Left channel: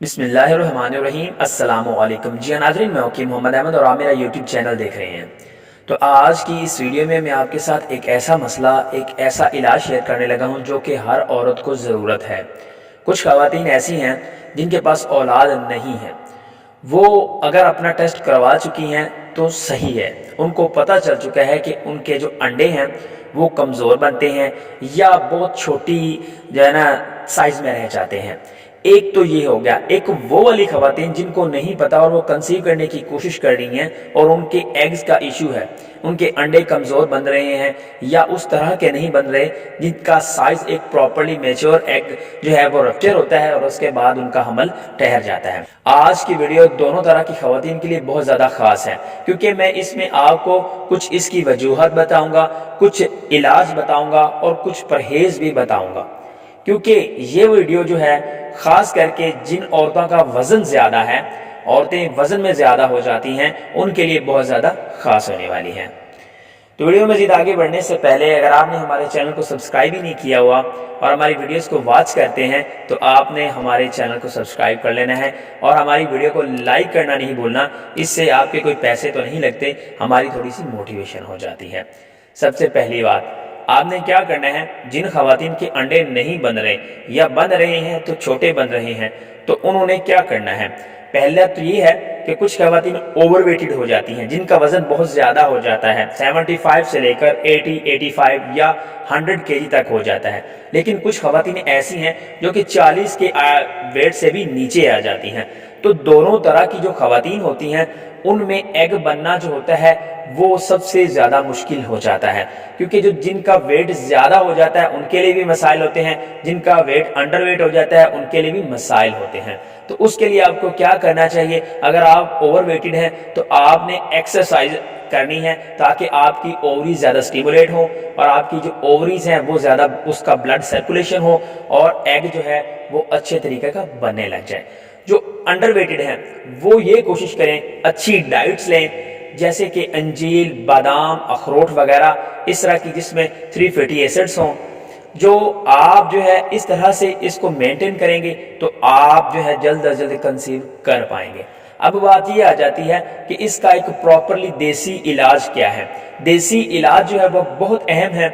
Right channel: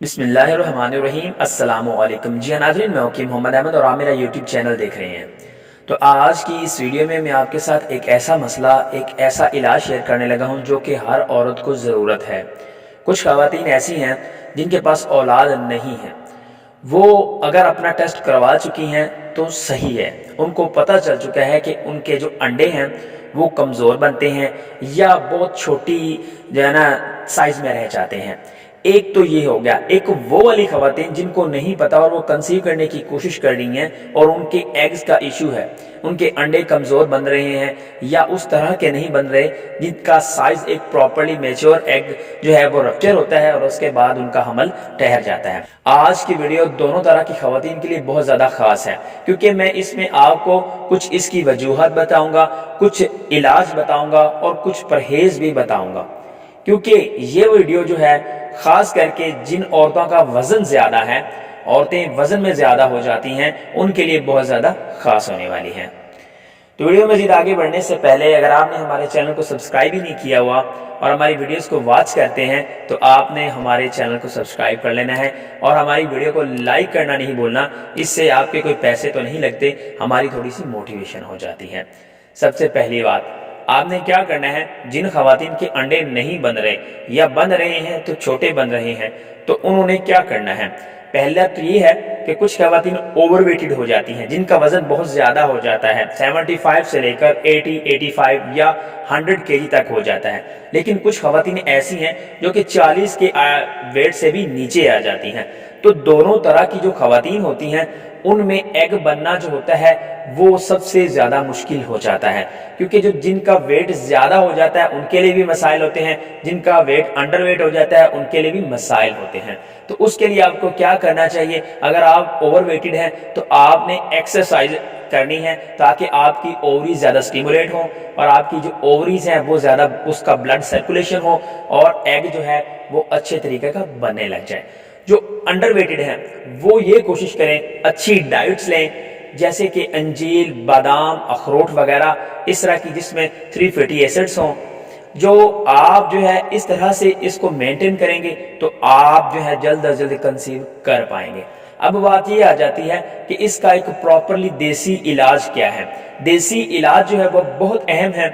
بسم اللہ الرحمن الرحیم۔ السلام علیکم جی ناظرین، میں وکیل محمد احمد اور آپ میرا یوٹیوب چینل دیکھ رہے ہیں۔ تو آج کی اس ویڈیو میں آپ کے ساتھ ایک ایسا مسئلہ، ایک ایسا علاج شیئر کرنے لگا ہوں جو کہ ہر عورت کو ضرورت ہے۔ کچھ خواتین ایسی ہیں جن کے پاس اولاد نہیں ہے، وہ اگر اپنا ٹیسٹ کروا چکی ہیں تو صحیح ہے، ان کو پتہ چل چکا ہے کہ ان کے جو انڈے ہیں وہ کمزور بنتے ہیں یا بہت چھوٹی جو ہے نا سائز میں رہ جاتے ہیں۔ ایک تو یہ ہو گیا۔ ایک وہ والی خواتین جن کو نہیں پتا اور وہ کنسیو کرنے کی کوشش کر رہی ہیں اور ان کے ایگز کا ایشو ہے، ان کے انڈے کمزور بن رہے ہیں یا اس طرح کے نہیں بن رہے جن کا سائز ایک پراپرلی میچور ایگ جو ہے وہ رپچر ہوتا ہے اور اس کے بعد ان کا حمل ٹھہر جاتا ہے۔ آج کی ویڈیو دونوں طرح کی خواتین کے لیے بہت زیادہ خاص ہے، کیونکہ میں اس میں آپ کو کچھ اس کی وجوہات بتاؤں گا، کچھ علاج بتاؤں گا اور کچھ پرہیز بھی بتاؤں گا، کیونکہ یہ ویڈیو جو ہے خاص کر کے جن عورتوں کا وزن زیادہ ہے، عورتیں وزن میں زیادہ ہو جاتی ہیں، ان کے لیے بہت زیادہ خاص ہونے والی ہیں۔ تو ویڈیو میں مزید آگے بڑھنے سے پہلے اگر آپ نے ہمارے چینل کو سبسکرائب ہی نہیں کیا ہوا اور ہماری ویڈیوز کو واچ کرتے ہیں تو آپ نے ہمارے چینل کو سبسکرائب کر لینا ہے اور ہماری ویڈیو کو لائک کرنا نہیں بھولنا۔ اس سے آپ کے کوئی پیسے تو نہیں لگتے، ہماری تھوڑی سی موٹیویشن ہو جاتی ہے۔ سب سے پہلی بات، آپ نے کیا کرنا ہے، جن خواتین کے انڈے نہیں بن رہے یا بن رہے ہیں تو چھوٹے بن رہے ہیں، تو انہوں نے کیا کرنا ہے۔ پہلا تو یہ ہے کہ کچھ خواتین اوور ویٹڈ ہو جاتی ہیں، جن کا وزن بہت زیادہ ہو جاتا ہے، 75 سے لے کر 80، 85 یا 100 kg تک ہو جاتا ہے۔ لیکن کچھ خواتین ایسی ہیں جو کہ 40 کے ویٹ سے بھی نیچے آ جاتی ہیں۔ تو دونوں طرح کی جو خواتین ہوتی ہیں ان میں ایگ بننا جو ہوتا ہے وہ سب سے زیادہ مشکل ہو جاتا ہے، کیونکہ جن کا ویٹ زیادہ ہو جاتا ہے ان کے لیے بھی مسائل ہوتے ہیں، جن کا ویٹ انڈر ویٹ ہو جاتا ہے ان کے لیے بھی مسائل ہوتے ہیں۔ تو اس کے لیے آپ کو کیا کرنا چاہیے، اگر آپ اوور ویٹڈ ہیں تو آپ نے ایکسرسائز کرنی ہے تاکہ آپ کی اووریز زیادہ سٹیمولیٹ ہوں اور آپ کی جو اووریز ہیں وہ زیادہ اس کا بلڈ سرکولیشن ہو اور ایگ جو ہے وہ اچھے طریقے کا بننے لگ جائے۔ جو انڈر ویٹڈ ہیں وہ یہ کوشش کریں اچھی ڈائٹس لیں، جیسے کہ انجیر، بادام، اخروٹ وغیرہ، اس طرح کی جس میں 3 فیٹی ایسڈز ہوں۔ جو آپ جو ہے اس طرح سے اس کو مینٹین کریں گے تو آپ جو ہے جلد از جلد کنسیو کر پائیں گے۔ اب بات یہ آ جاتی ہے کہ اس کا ایک پراپرلی دیسی علاج کیا ہے۔ دیسی علاج جو ہے وہ بہت اہم ہے،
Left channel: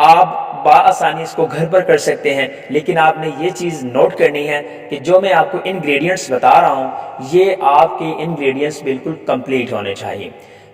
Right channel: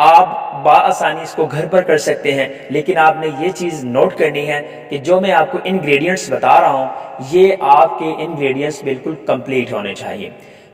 آپ بآسانی اس کو گھر پر کر سکتے ہیں، لیکن آپ نے یہ چیز نوٹ کرنی ہے کہ جو میں آپ کو انگریڈینٹس بتا رہا ہوں یہ آپ کے انگریڈینٹس بالکل کمپلیٹ ہونے چاہیے۔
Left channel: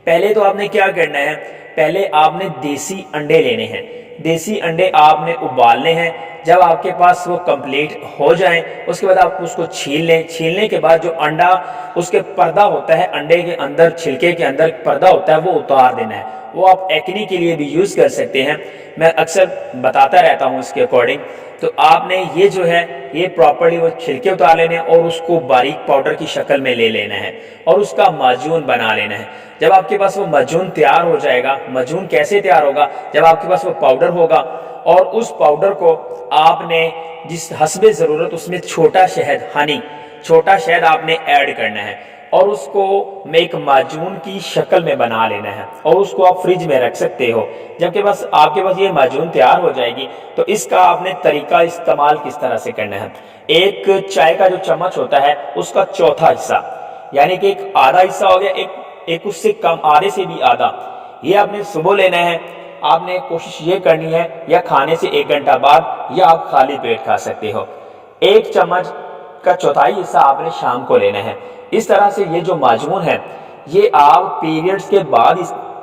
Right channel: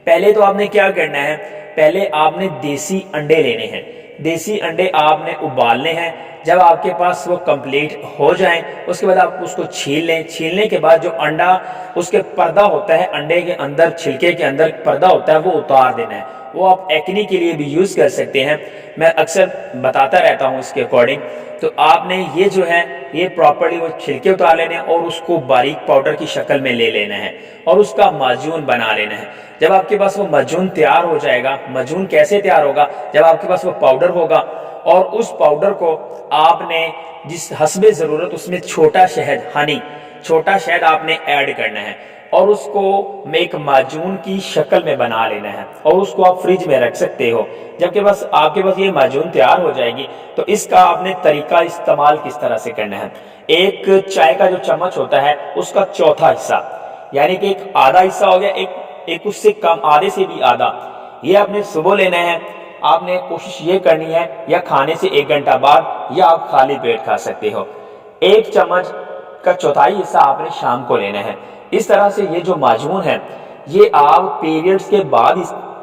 پہلے تو آپ نے کیا کرنا ہے، پہلے آپ نے دیسی انڈے لینے ہیں۔ دیسی انڈے آپ نے ابالنے ہیں، جب آپ کے پاس وہ کمپلیٹ ہو جائیں اس کے بعد آپ اس کو چھیل لیں۔ چھیلنے کے بعد جو انڈا اس کے پردہ ہوتا ہے، انڈے کے اندر چھلکے کے اندر پردہ ہوتا ہے، وہ اتار دینا ہے۔ وہ آپ ایکنی کے لیے بھی یوز کر سکتے ہیں، میں اکثر بتاتا رہتا ہوں اس کے اکارڈنگ۔ تو آپ نے یہ جو ہے یہ پراپرلی وہ چھلکے اتار لینے اور اس کو باریک پاؤڈر کی شکل میں لے لینا ہے اور اس کا معجون بنا لینا ہے۔ جب آپ کے پاس وہ معجون تیار ہو جائے گا، معجون کیسے تیار ہوگا، جب آپ کے پاس وہ پاؤڈر ہوگا اور اس پاؤڈر کو آپ نے جس حسب ضرورت اس میں چھوٹا شہد، ہنی، چھوٹا شہد آپ نے ایڈ کرنا ہے اور اس کو ایک معجون کی شکل میں بنا لینا ہے اور اس کو آپ فریج میں رکھ سکتے ہو۔ جب کہ بس آپ کے پاس یہ معجون تیار ہو جائے گی تو اس کا آپ نے طریقہ استعمال کس طرح سے کرنا ہے۔ ایک چائے کا جو چمچ ہوتا ہے اس کا چوتھا حصہ، یعنی کہ ایک آدھا حصہ ہو گیا، ایک اس سے کم، آدھے سے بھی آدھا، یہ آپ نے صبح لینا ہے۔ آپ نے کوشش یہ کرنی ہے یا کھانے سے 1 گھنٹہ بعد یا آپ خالی پیٹ کھا سکتے ہو۔ 1 چمچ کا چوتھائی حصہ آپ نے شام کو لینا ہے۔ اس طرح سے یہ جو معجون ہے یہ آپ پیریڈز کے بعد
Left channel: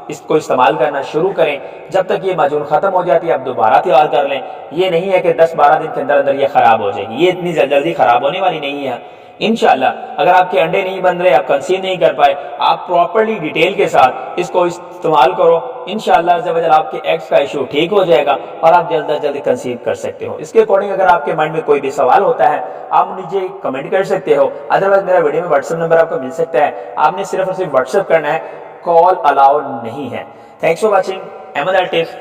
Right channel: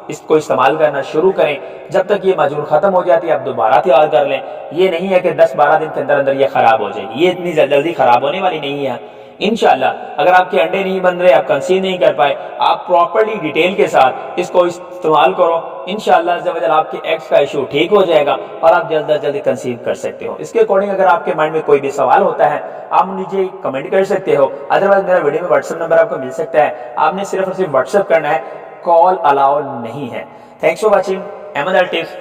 اس کو استعمال کرنا شروع کریں، جب تک یہ معجون ختم ہو جاتی ہے آپ دوبارہ تیار کر لیں۔ یہ نہیں ہے کہ 10-12 دن کے اندر اندر یہ خراب ہو جائے گی، یہ اتنی جلدی خراب ہونے والی نہیں ہے۔ انشاءاللہ اگر آپ کے انڈے نہیں بن رہے، آپ کنسیو نہیں کر پائے، آپ پراپرلی ڈیٹیل کے ساتھ اس کو استعمال کرو، انشاءاللہ عز و جل آپ کے ایگز کا ایشو ٹھیک ہو جائے گا اور آپ جلد از جلد کنسیو کر سکتے ہو۔ اس کے اکارڈنگ اگر آپ کے مائنڈ میں کوئی بھی سوال ہوتا ہے آپ مجھے کمنٹ کر سکتے ہو، ادروائز میرا ویڈیو میں واٹس ایپ نمبر آپ کو مل سکتا ہے، آپ نے صرف اور صرف واٹس ایپ کرنا ہے، کال الاؤ نہیں ہے۔ Thanks for watching, Ahmad الٹیف۔